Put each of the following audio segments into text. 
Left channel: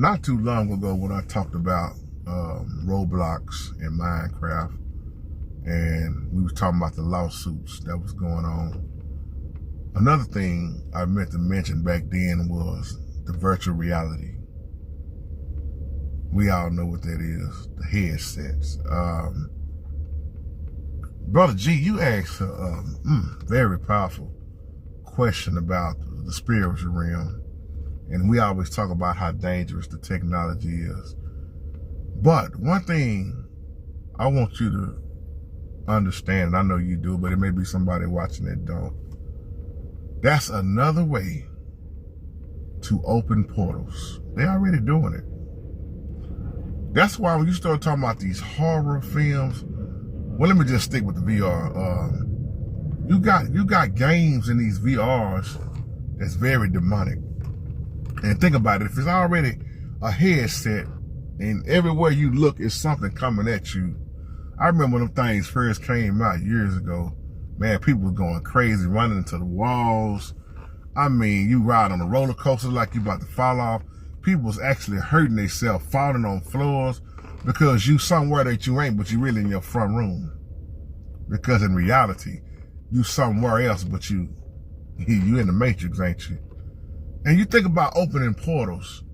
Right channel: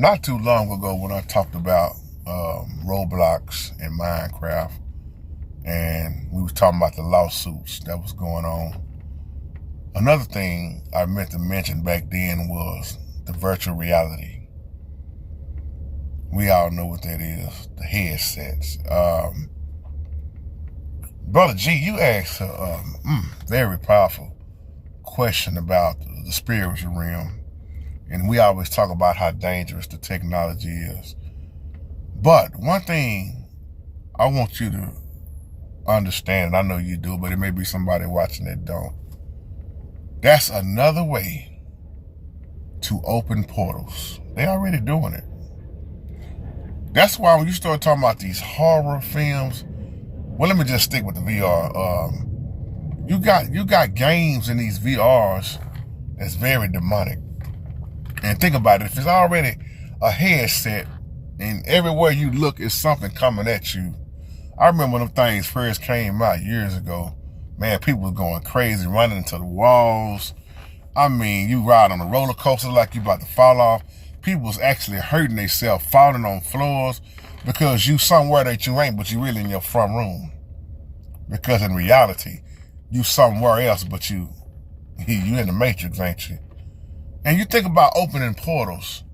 Not too long ago when I talked about Roblox and Minecraft, and we was talking about the lawsuits that was going on. Another thing I meant to mention back then was the virtual reality. We all know what that is, the headsets. Brother G, you asked a very powerful question about the spiritual realm. And we always talk about how dangerous the technology is. But one thing I want you to understand, and I know you do, but it may be somebody watching that don't. That's another way to open portals. They're already doing it. That's why when you start talking about these horror films, well, let me just stick with the VR. You got games in these VRs that's very demonic. And think about it, if it's already a headset and everywhere you look is something coming at you. I remember when them things first came out years ago, man, people was going crazy, running into the walls. I mean, you ride on a roller coaster like you about to fall off. People was actually hurting themselves, falling on floors because you somewhere that you ain't, but you really in your front room. Because in reality, you somewhere else, but you in the Matrix, ain't you? And you think about opening portals.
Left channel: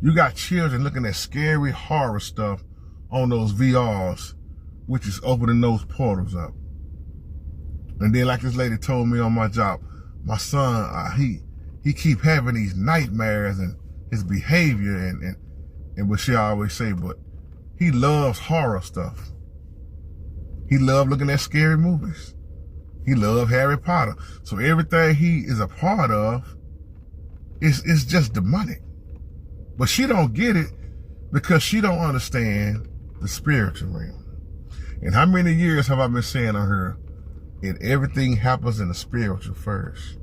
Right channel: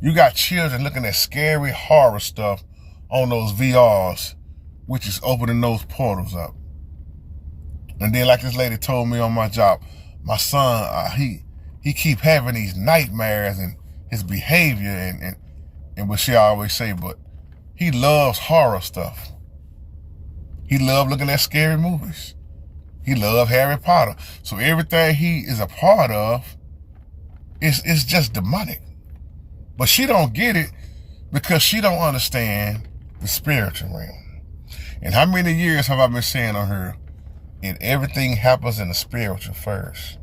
You got children looking at scary horror stuff on those VRs, which is opening those portals up. And then like this lady told me on my job, my son, he keep having these nightmares and his behavior and what she always say, but he loves horror stuff. He loves looking at scary movies. He loves Harry Potter. So everything he is a part of, it's just demonic. But she don't get it because she don't understand the spiritual realm. And how many years have I been saying on her, everything happens in the spiritual first.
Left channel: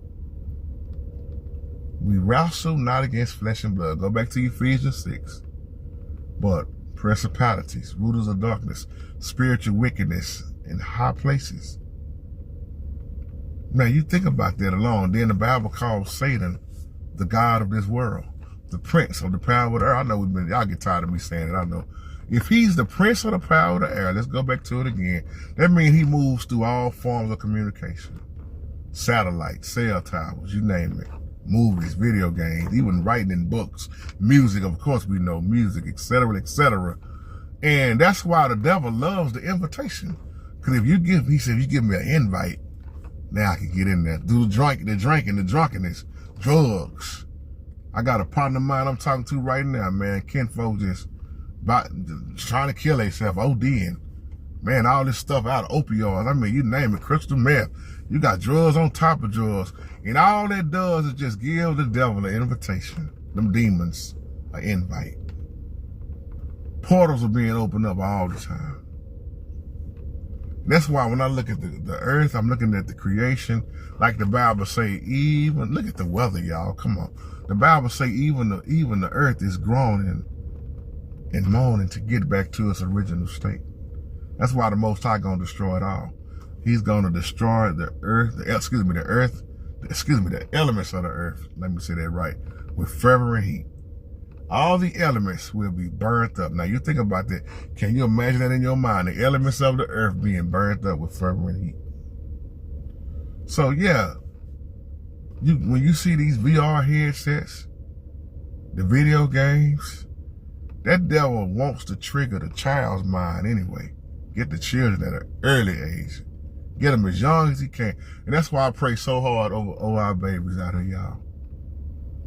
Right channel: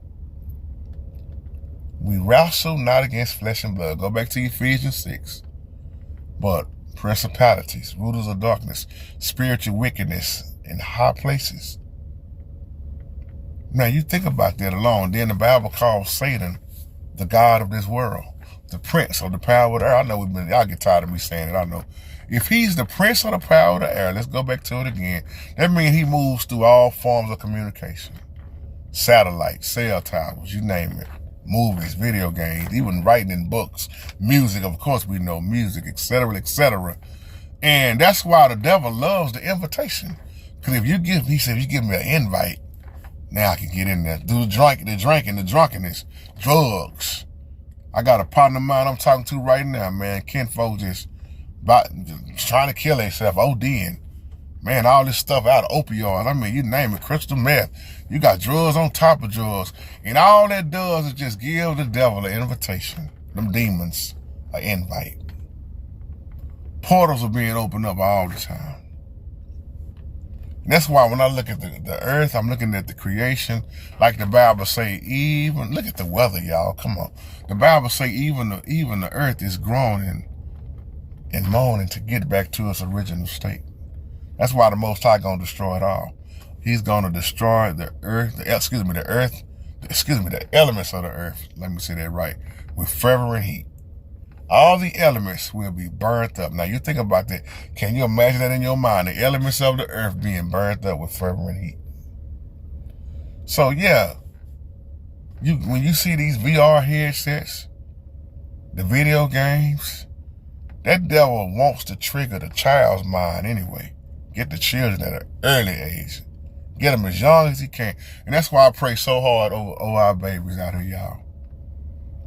We wrestle not against flesh and blood. Go back to Ephesians 6. But principalities, rulers of darkness, spiritual wickedness in high places. Now you think about that alone. Then the Bible calls Satan the God of this world, the prince of the power of the air. I know y'all get tired of me saying it, I know. If he's the prince of the power of the air, let's go back to it again. That means he moves through all forms of communication. Satellites, cell towers, you name it. Movies, video games, even writing in books, music, of course we know music, etc., etc. And that's why the devil loves the invitation. Because if you give, he said, if you give me an invite, now I can get in there. Do the drinking, the drunkenness, drugs. I got a partner of mine I'm talking to right now, man. Kinfolk just trying to kill himself, ODing. Man, all this stuff out of opioids. I mean, you name it, crystal meth. You got drugs on top of drugs. And all that does is just give the devil an invitation. Them demons an invite. Portals are being opened up all the time. And that's why when I look at the earth, I'm looking at the creation. Like the Bible say, even, look at the weather, y'all, come on. The Bible say even the earth is groaning and moaning to get back to its original state. That's why the Most High gonna destroy it all. He's gonna destroy the earth, the elements of the earth, let me say that right, with fervent heat. All the elements will be burnt up. Now you think about that. Can you imagine that in your mind? The elements of the earth being burnt up with fervent heat. So yeah, when you see these VR headsets, the video games, that devil wants to trigger the child's mind anyway. Get the children at an early age. Get them as young as he can. And that's why I pray so hard over our babies out here, y'all.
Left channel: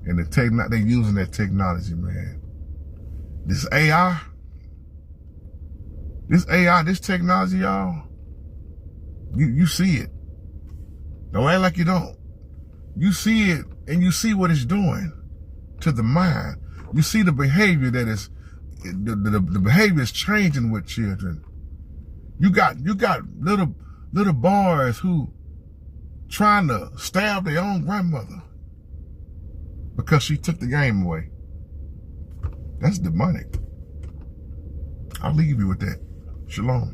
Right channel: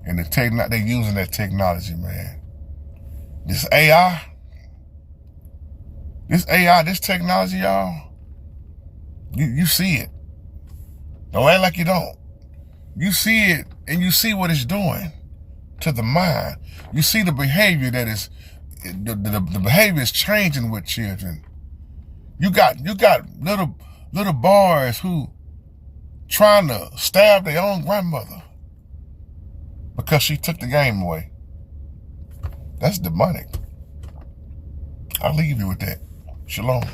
And they're using that technology, man. This AI, this technology, y'all, you see it. Don't act like you don't. You see it, and you see what it's doing to the mind. You see the behavior that is, the behavior is changing with children. You got little boys who trying to stab their own grandmother because she took the game away. That's demonic. I'll leave you with that. Shalom.